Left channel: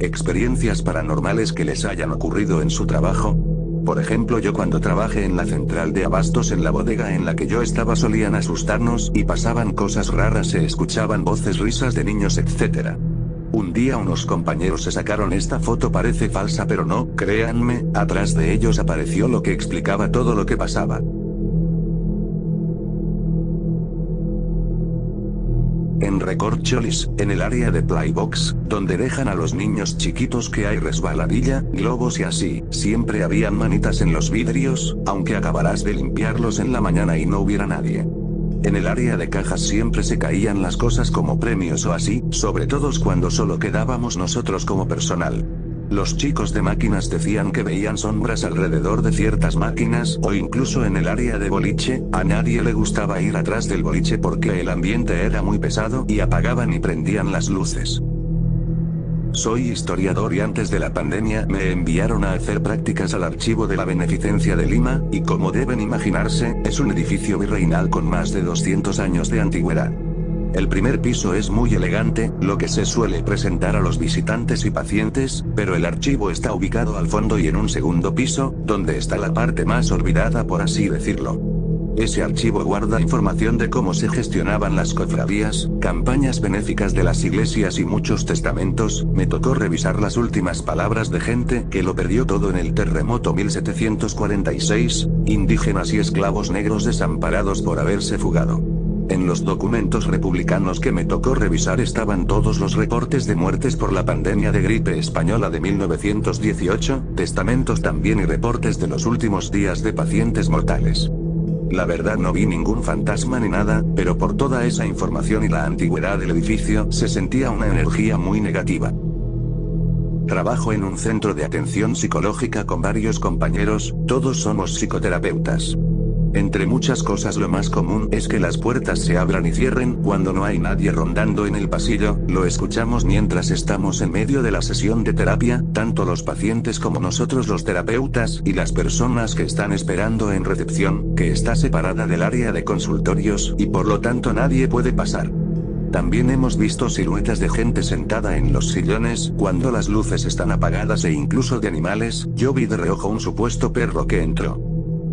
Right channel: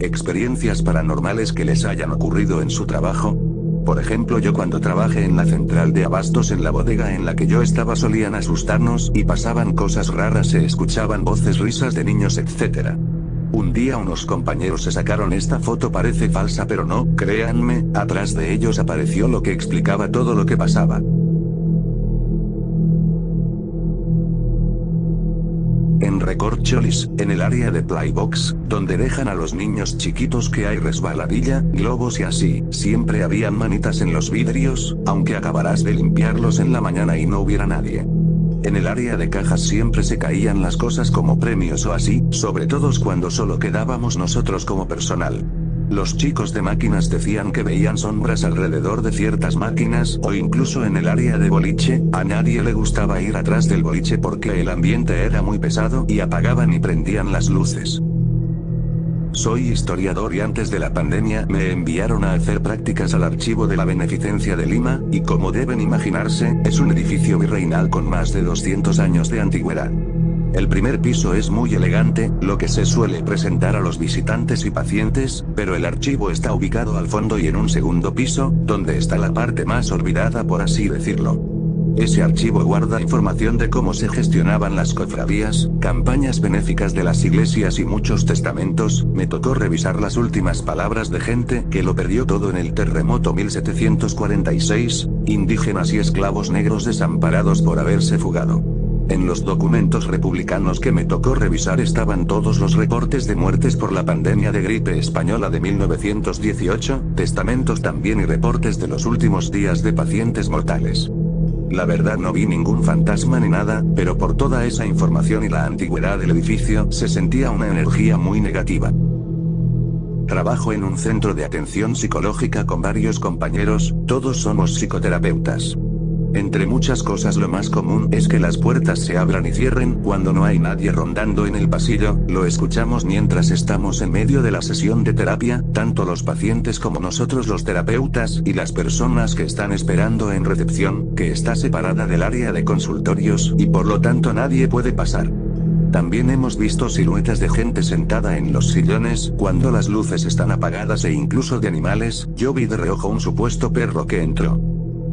¿Experiencias paranormales que les hayan ocurrido en su trabajo? Por ejemplo, yo cuando trabajé en la central de abastos en la bodega en la que yo estaba solían asustarnos y pasaban cosas raras, se escuchaban voces, risas de niños, etc. Un día unos compañeros se sacaron esta foto, parece falsa pero no, créanme, atrás de ellos apareció lo que explicaba todo lo que pasaba. En Recorcholis, en el área de Playbox, donde dejan a los niños chiquitos, que hay resbaladilla, globos y así, siempre habían manitas en los vidrios, aunque acabarás de limpiarlos en la mañana y no hubiera nadie. En el área de cajas siempre se caían las cosas como premios o así, sobre todo cuando solo quedábamos nosotros como personal. Los chicos de máquinas decían que veían sombras alrededor de ciertas máquinas, o incluso en el área de boliche, a nadie le gustaba ir atrás del boliche porque el ambiente era muy pesado y apagaban y prendían las luces. Soy historiador y antes de la pandemia me enviaron a hacer prácticas al Archivo de la Beneficencia de Lima, y como deben imaginarse, es un edificio virreinal con más de 200 años de antigüedad. El primer piso es muy elegante, lo que se suele presentar a los visitantes y pacientes, pero el archivo está ubicado al fondo y en un segundo piso, donde está la parte más olvidada, por así decirlo. Ese archivo guarda información de cómo se gestionaban las cofradías, campañas benéficas de las iglesias y muchos testamentos. Me tocó revisar las últimas palabras de gente que lo perdió todo en el terremoto 1746, indígenas y esclavos negros desamparados por haberse fugado. En los documentos republicanos que me tocó revisar estaban todos los reportes de muertes por la pandemia de gripe española de 1918, testamentos también y reportes de los últimos días de pacientes mortales. La verdad no vi ningún fantasma ni nada, pero por toda esa información y la antigüedad del edificio se sentía una energía muy negativa. Trabajo en un centro de atención psicológica con varios compañeros, todos somos psicoterapeutas. Entre muchas cosas lo más común es que las puertas se abran y cierren cuando no hay nadie rondando en el pasillo, lo escuchamos mientras estamos en medio de la sesión de terapia, tanto los pacientes como nosotros los terapeutas y las personas que están esperando en recepción, que está separada del área de consultorios y por lo tanto nadie puede pasar. También hemos visto siluetas de gente sentada en los sillones cuando las luces están apagadas e incluso de animales. Yo vi de reojo un supuesto perro que entró.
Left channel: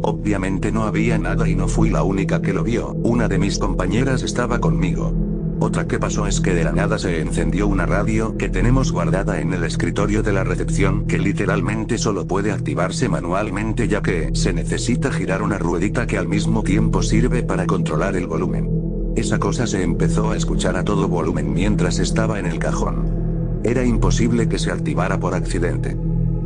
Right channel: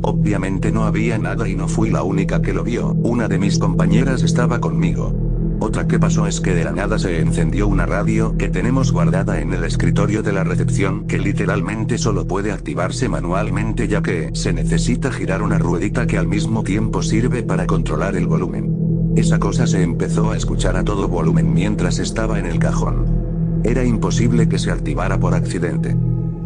Obviamente no había nada y no fui la única que lo vio, una de mis compañeras estaba conmigo. Otra que pasó es que de la nada se encendió una radio que tenemos guardada en el escritorio de la recepción, que literalmente solo puede activarse manualmente ya que se necesita girar una ruedita que al mismo tiempo sirve para controlar el volumen. Esa cosa se empezó a escuchar a todo volumen mientras estaba en el cajón. Era imposible que se activara por accidente.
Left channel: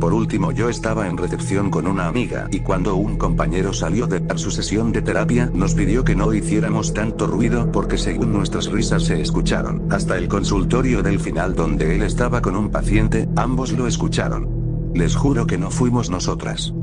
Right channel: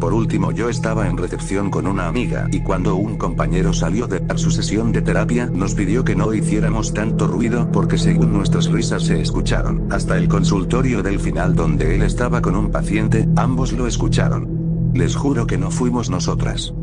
Por último, yo estaba en recepción con una amiga y cuando un compañero salió de dar su sesión de terapia nos pidió que no hiciéramos tanto ruido porque según nuestras risas se escucharon hasta el consultorio del final donde él estaba con un paciente, ambos lo escucharon. Les juro que no fuimos nosotras.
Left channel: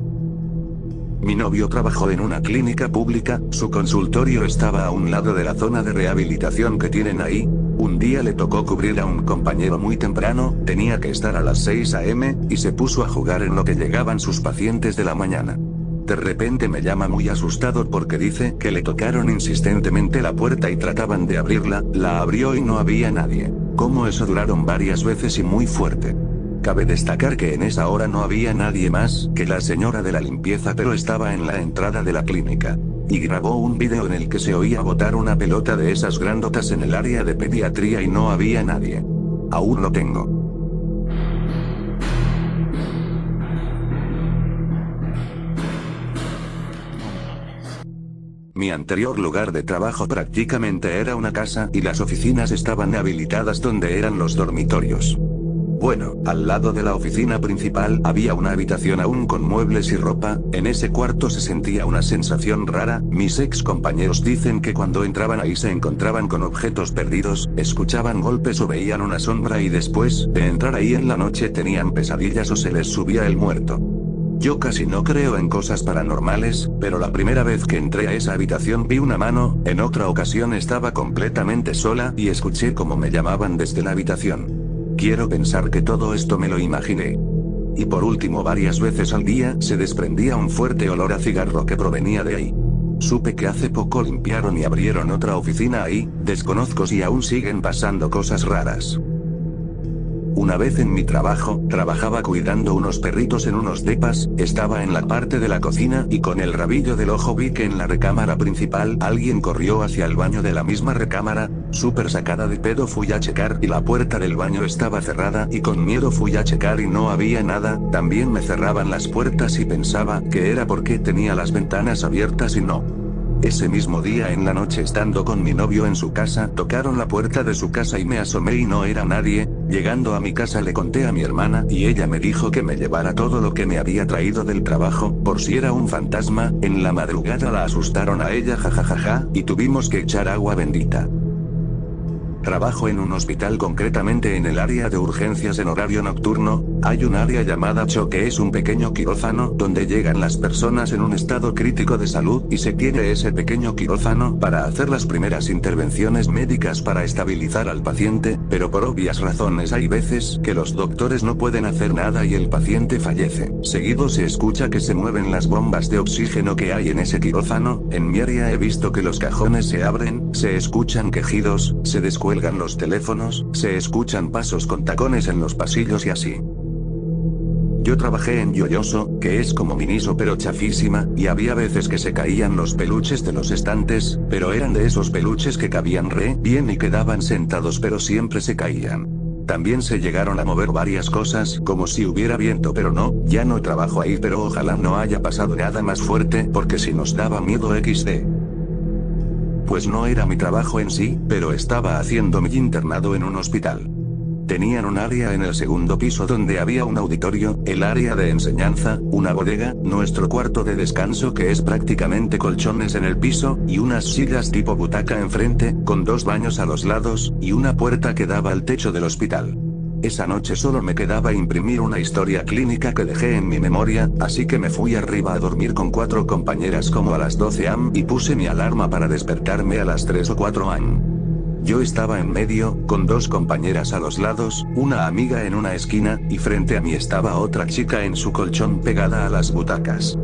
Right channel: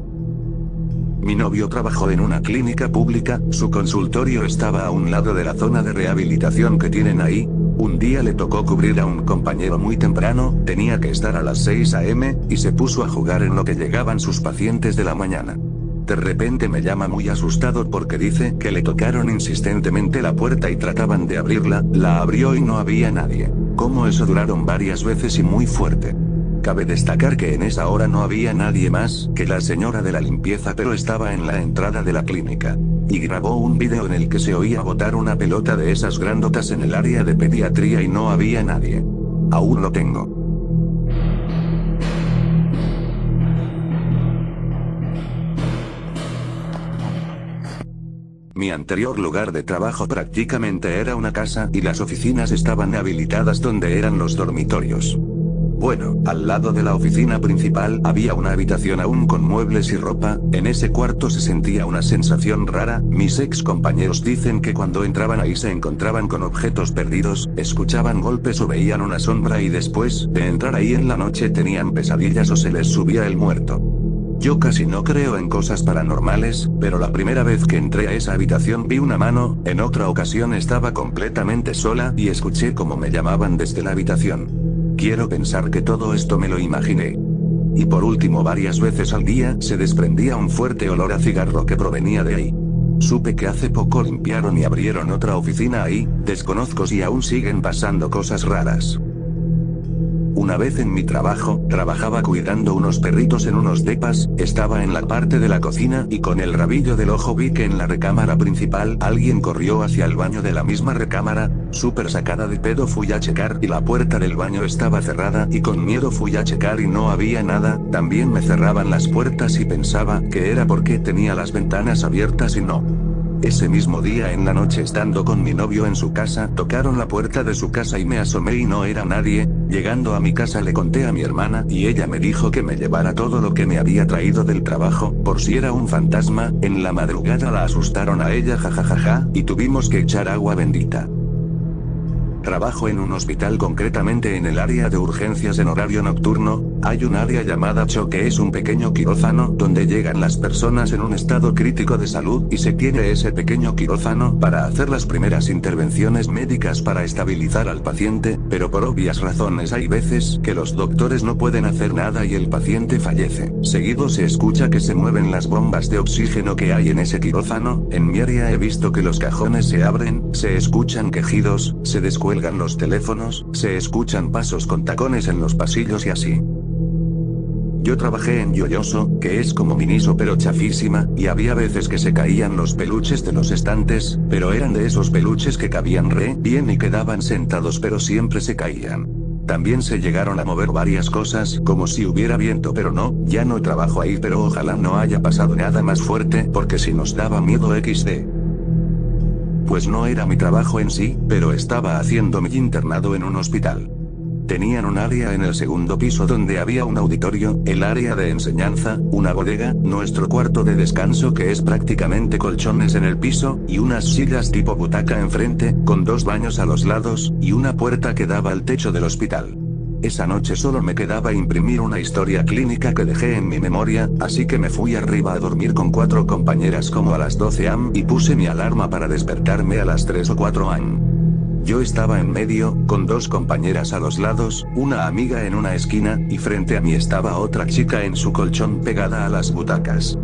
Mi novio trabajó en una clínica pública, su consultorio estaba a un lado de la zona de rehabilitación que tienen ahí. Un día le tocó cubrir a un compañero muy temprano, tenía que estar a las 6 a.m., y se puso a jugar en lo que llegaban sus pacientes de la mañana. De repente me llama muy asustado porque dice que le tocaron insistentemente la puerta y trataban de abrirla, la abrió y no había nadie. Como eso duraron varias veces y muy fuerte. Cabe destacar que en esa hora no había nadie más que la señora de la limpieza, pero estaba en la entrada de la clínica. Y grabó un vídeo en el que se oía botar una pelota de esas grandotas en el área de pediatría y no había nadie. Aún lo tengo. Mi anterior lugar de trabajo prácticamente era una casa y las oficinas estaban habilitadas donde eran los dormitorios. Bueno, al lado de la oficina principal había una habitación aún con muebles y ropa. En ese cuarto se sentía una sensación rara. Mis ex compañeros dicen que cuando entraban ahí se encontraban con objetos perdidos, escuchaban golpes o veían una sombra y después de entrar ahí en la noche tenían pesadillas o se les subía el muerto. Yo casi no creo en cosas paranormales, pero la primera vez que entré a esa habitación vi una mano. En otra ocasión estaba completamente sola y escuché cómo me llamaban desde la habitación. Quiero pensar que todo esto me lo imaginé. Y por último, varias veces al día se desprendía un fuerte olor a cigarro que provenía de ahí. Supe que hace poco limpiaron y abrieron otra oficina ahí, desconozco si aún siguen pasando cosas raras. Una vez en mi trabajo, trabajaba cuidando unos perritos en unos depas, estaba en la parte de la cocina y con el rabillo del ojo vi que en la recámara principal alguien corrió hacia el baño de la misma recámara, súper sacada de pedo fui a checar y la puerta del baño estaba cerrada y con miedo fui a checar y no había nada, también me cerraban las puertas y pensaba que era porque tenía las ventanas abiertas y no. Ese mismo día en la noche estando con mi novio en su casa, tocaron la puerta de su casa y me asomé y no era nadie. Llegando a mi casa le conté a mi hermana y ella me dijo que me llevara todo lo que me había traído del trabajo, por si era un fantasma. En la madrugada la asustaron a ella jajajaja, y tuvimos que echar agua bendita. Trabajo en un hospital, concretamente en el área de urgencias en horario nocturno. Hay un área llamada CHO que es un pequeño quirófano donde llegan las personas en un estado crítico de salud y se tiene ese pequeño quirófano para hacer las primeras intervenciones médicas para estabilizar al paciente, pero por obvias razones hay veces que los doctores no pueden hacer nada y el paciente fallece. Seguido se escucha que se mueven las bombas de oxígeno que hay en ese quirófano. En mi área he visto que los cajones se abren, se escuchan quejidos, se descuelgan los teléfonos, se escuchan pasos con tacones en los pasillos y así. Yo trabajé en Yoyoso, que es como Miniso pero chafísima, y había veces que se caían los peluches de los estantes, pero eran de esos peluches que cabían re bien y quedaban sentados pero siempre se caían. También se llegaron a mover varias cosas, como si hubiera viento pero no, ya no trabajo ahí pero ojalá no haya pasado nada más fuerte porque si nos daba miedo XD. Pues no era mi trabajo en sí, pero estaba haciendo mi internado en un hospital. Tenían un área en el segundo piso donde había un auditorio, el área de enseñanza, una bodega, nuestro cuarto de descanso que es prácticamente colchones en el piso, y unas sillas tipo butaca enfrente, con 2 baños a los lados, y una puerta que daba al techo del hospital. Esa noche solo me quedaba imprimir una historia clínica que dejé en mi memoria, así que me fui arriba a dormir con 4 compañeras como a las 12 am y puse mi alarma para despertarme a las 3 o 4 am. Yo estaba en medio, con 2 compañeras a los lados, una amiga en una esquina, y frente a mí estaba otra chica en su colchón pegada a las butacas.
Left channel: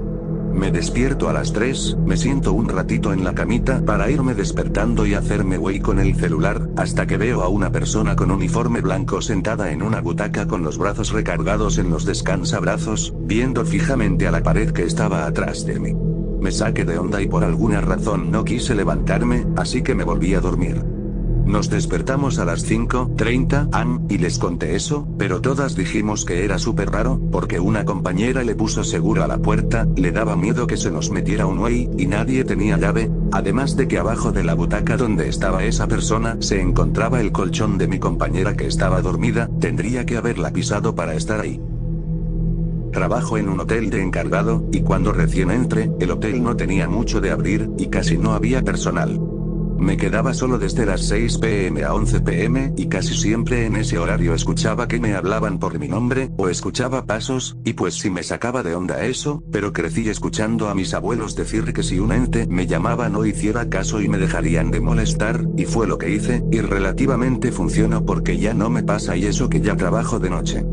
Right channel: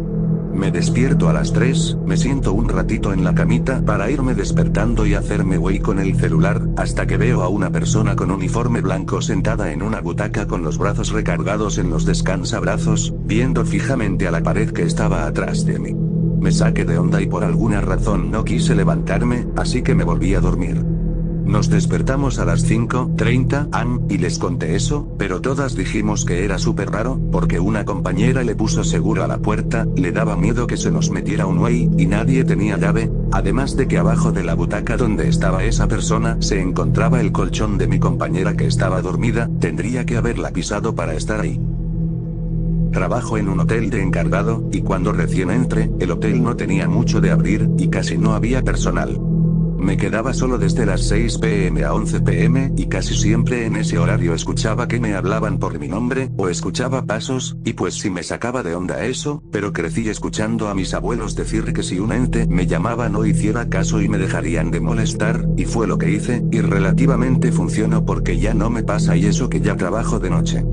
Me despierto a las 3, me siento un ratito en la camita para irme despertando y hacerme güey con el celular, hasta que veo a una persona con uniforme blanco sentada en una butaca con los brazos recargados en los descansabrazos, viendo fijamente a la pared que estaba atrás de mí. Me saqué de onda y por alguna razón no quise levantarme, así que me volví a dormir. Nos despertamos a las 5:30 am, y les conté eso, pero todas dijimos que era súper raro, porque una compañera le puso seguro a la puerta, le daba miedo que se nos metiera un güey, y nadie tenía llave, además de que abajo de la butaca donde estaba esa persona se encontraba el colchón de mi compañera que estaba dormida, tendría que haberla pisado para estar ahí. Trabajo en un hotel de encargado, y cuando recién entré, el hotel no tenía mucho de abrir, y casi no había personal. Me quedaba solo desde las 6 p.m. a 11 p.m. y casi siempre en ese horario escuchaba que me hablaban por mi nombre, o escuchaba pasos, y pues sí me sacaba de onda eso, pero crecí escuchando a mis abuelos decir que si un ente me llamaba no hiciera caso y me dejarían de molestar, y fue lo que hice, y relativamente funcionó porque ya no me pasa y eso que ya trabajo de noche.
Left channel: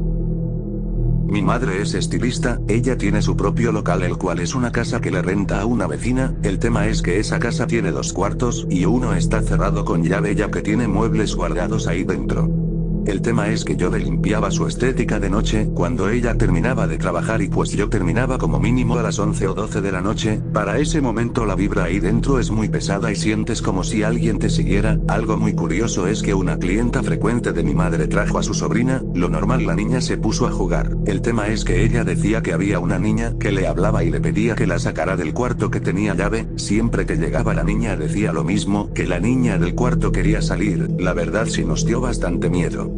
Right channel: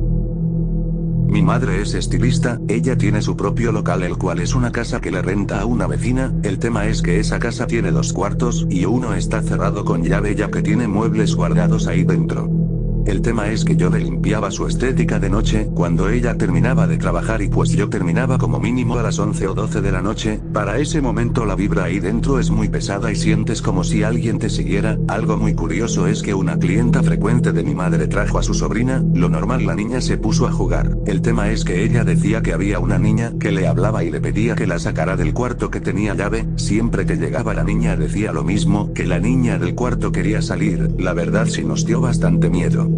Mi madre es estilista, ella tiene su propio local el cual es una casa que le renta a una vecina, el tema es que esa casa tiene 2 cuartos y uno está cerrado con llave ya que tiene muebles guardados ahí dentro. El tema es que yo le limpiaba su estética de noche cuando ella terminaba de trabajar y pues yo terminaba como mínimo a las 11 o 12 de la noche, para ese momento la vibra ahí dentro es muy pesada y sientes como si alguien te siguiera. Algo muy curioso es que una clienta frecuente de mi madre trajo a su sobrina, lo normal la niña se puso a jugar, el tema es que ella decía que había una niña que le hablaba y le pedía que la sacara del cuarto que tenía llave, siempre que llegaba la niña decía lo mismo, que la niña del cuarto quería salir, la verdad sí nos dio bastante miedo.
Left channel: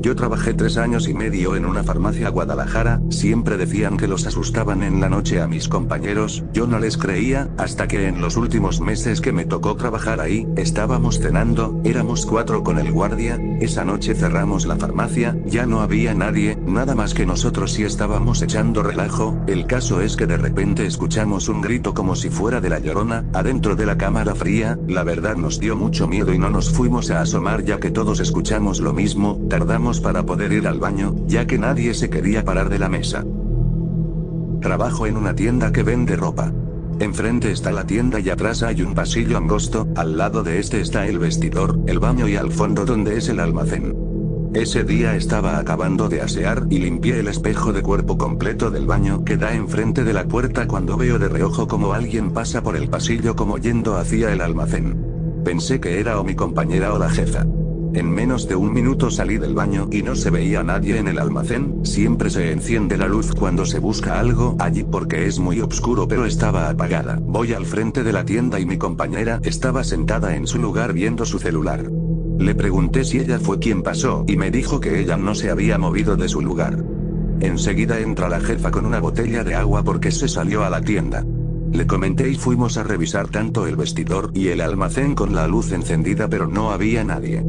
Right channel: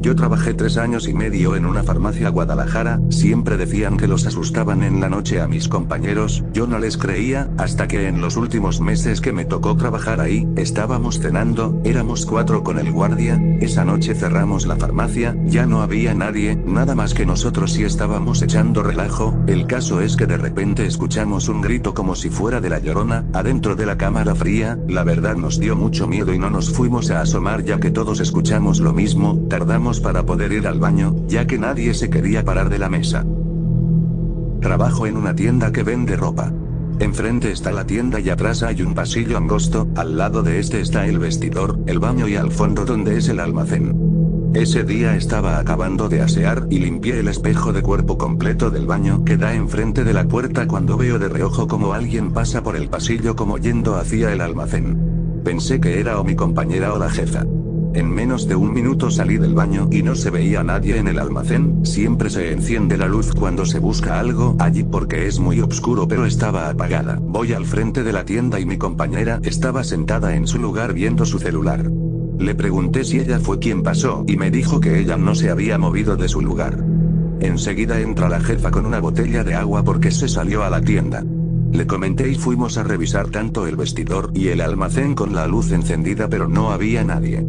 Yo trabajé 3 años y medio en una farmacia Guadalajara, siempre decían que los asustaban en la noche a mis compañeros, yo no les creía, hasta que en los últimos meses que me tocó trabajar ahí, estábamos cenando, éramos 4 con el guardia, esa noche cerramos la farmacia, ya no había nadie, nada más que nosotros y estábamos echando relajo, el caso es que de repente escuchamos un grito como si fuera de la Llorona, adentro de la cámara fría, la verdad nos dio mucho miedo y no nos fuimos a asomar ya que todos escuchamos lo mismo, tardamos para poder ir al baño, ya que nadie se quería parar de la mesa. Trabajo en una tienda que vende ropa. Enfrente está la tienda y atrás hay un pasillo angosto, al lado de este está el vestidor, el baño y al fondo donde es el almacén. Ese día estaba acabando de asear y limpié el espejo de cuerpo completo del baño que da enfrente de la puerta cuando veo de reojo como alguien pasa por el pasillo como yendo hacia el almacén. Pensé que era o mi compañera o la jefa. En menos de un minuto salí del baño y no se veía a nadie en el almacén. Siempre se enciende la luz cuando se busca algo allí porque es muy oscuro, pero estaba apagada. Voy al frente de la tienda y mi compañera estaba sentada en su lugar viendo su celular. Le pregunté si ella fue quien pasó y me dijo que ella no se había movido de su lugar. Enseguida entra la jefa con una botella de agua porque se salió a la tienda. Le comenté y fuimos a revisar tanto el vestidor y el almacén con la luz encendida, pero no había nadie.